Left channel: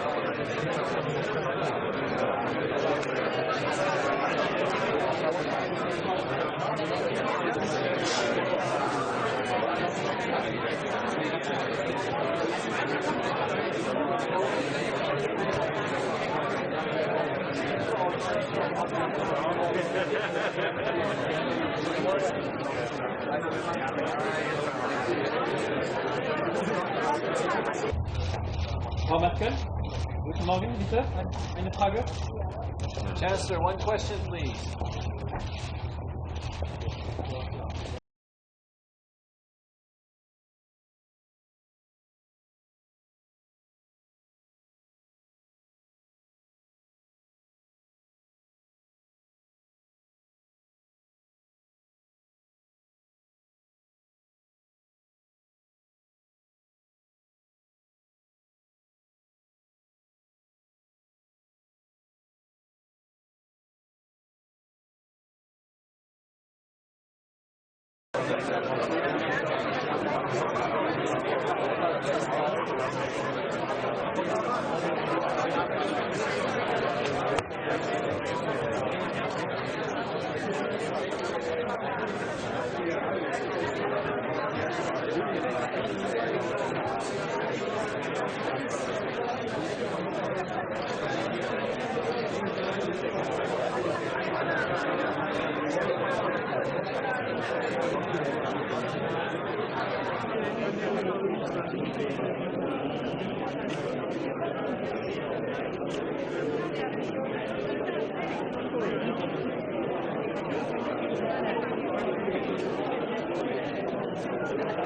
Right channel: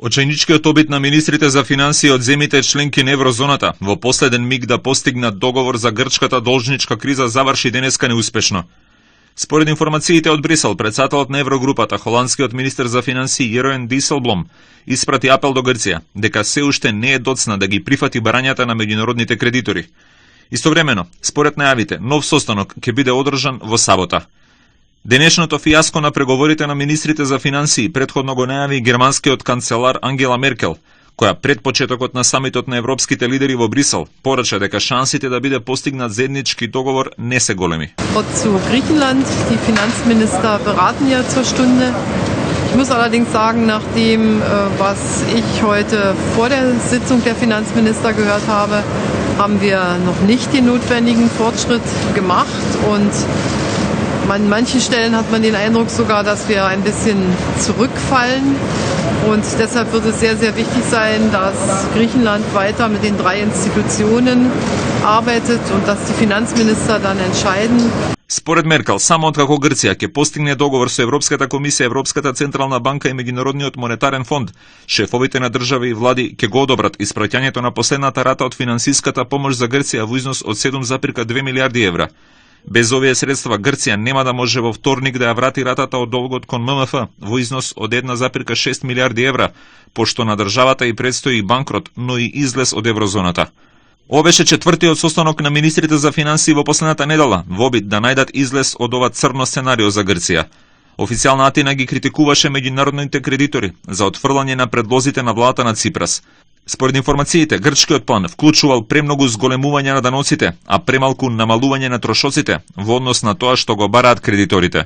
Очајничкиот обид на министрите за финансии од земјите членки на еврозоната во последен миг да постигнат договор за грчката должничка криза заврши денеска неуспешно. Според информациите од Брисел, председателот на еврогрупата, холандскиот министер за финансии Јероен Диселблом, испрати апел до Грција дека се уште не е доцна да ги прифати барањата на меѓународните кредитори. Истовремено, според најавите, нов состанок ќе биде одржан во сабота. Денешното фијаско на преговорите на министрите за финансии претходно го најави германскиот канцелар Ангела Меркел, која пред почетокот на самитот на европските лидери во Брисел порача дека шансите да биде постигнат заеднички договор не се големи. Zu Griechenland, die Finanzminister beraten ja zur Stunde. Ich muss allerdings sagen, nach dem, was ich heute vor der Sitzung der Finanzminister gehört habe, haben wir noch nicht den notwendigen Fortschritt gemacht und an manchen Stellen hat man den Eindruck sogar, dass wir ein bisschen zurückfallen. Und deshalb wird es sehr, sehr wichtig sein, dass Griechenland weiter mit den 3 Institutionen arbeitet und dass die Finanzminister dann entscheiden. Според Меркел, само откако Грција ќе постигне договор со Европската комисија, Европската централна банка и Меѓународниот монетарен фонд, шефовите на држави и влади ќе го одобрат испраќањето на последната рата од финансиската помош за Грција во износ од 7,2 милиарди евра. Без овие средства Грција нема да може во вторник да ја врати ратата од долгот кон ММФ во износ од 1,6 милиарди евра, пошто на државата и предстои и банкрот, но и излез од еврозоната. Ова беше четвртиот состанок на министрите за финансии во последната недела, во обид да најдат излез од ова црно сценарио за Грција. Официјална Атина ги критикуваше меѓународните кредитори за отфрлање на предлозите на владата на Ципрас. Според информациите, грчкиот план вклучувал премногу зголемување на доноците, а премалку намалување на трошоците во однос на тоа што го бараат кредиторите.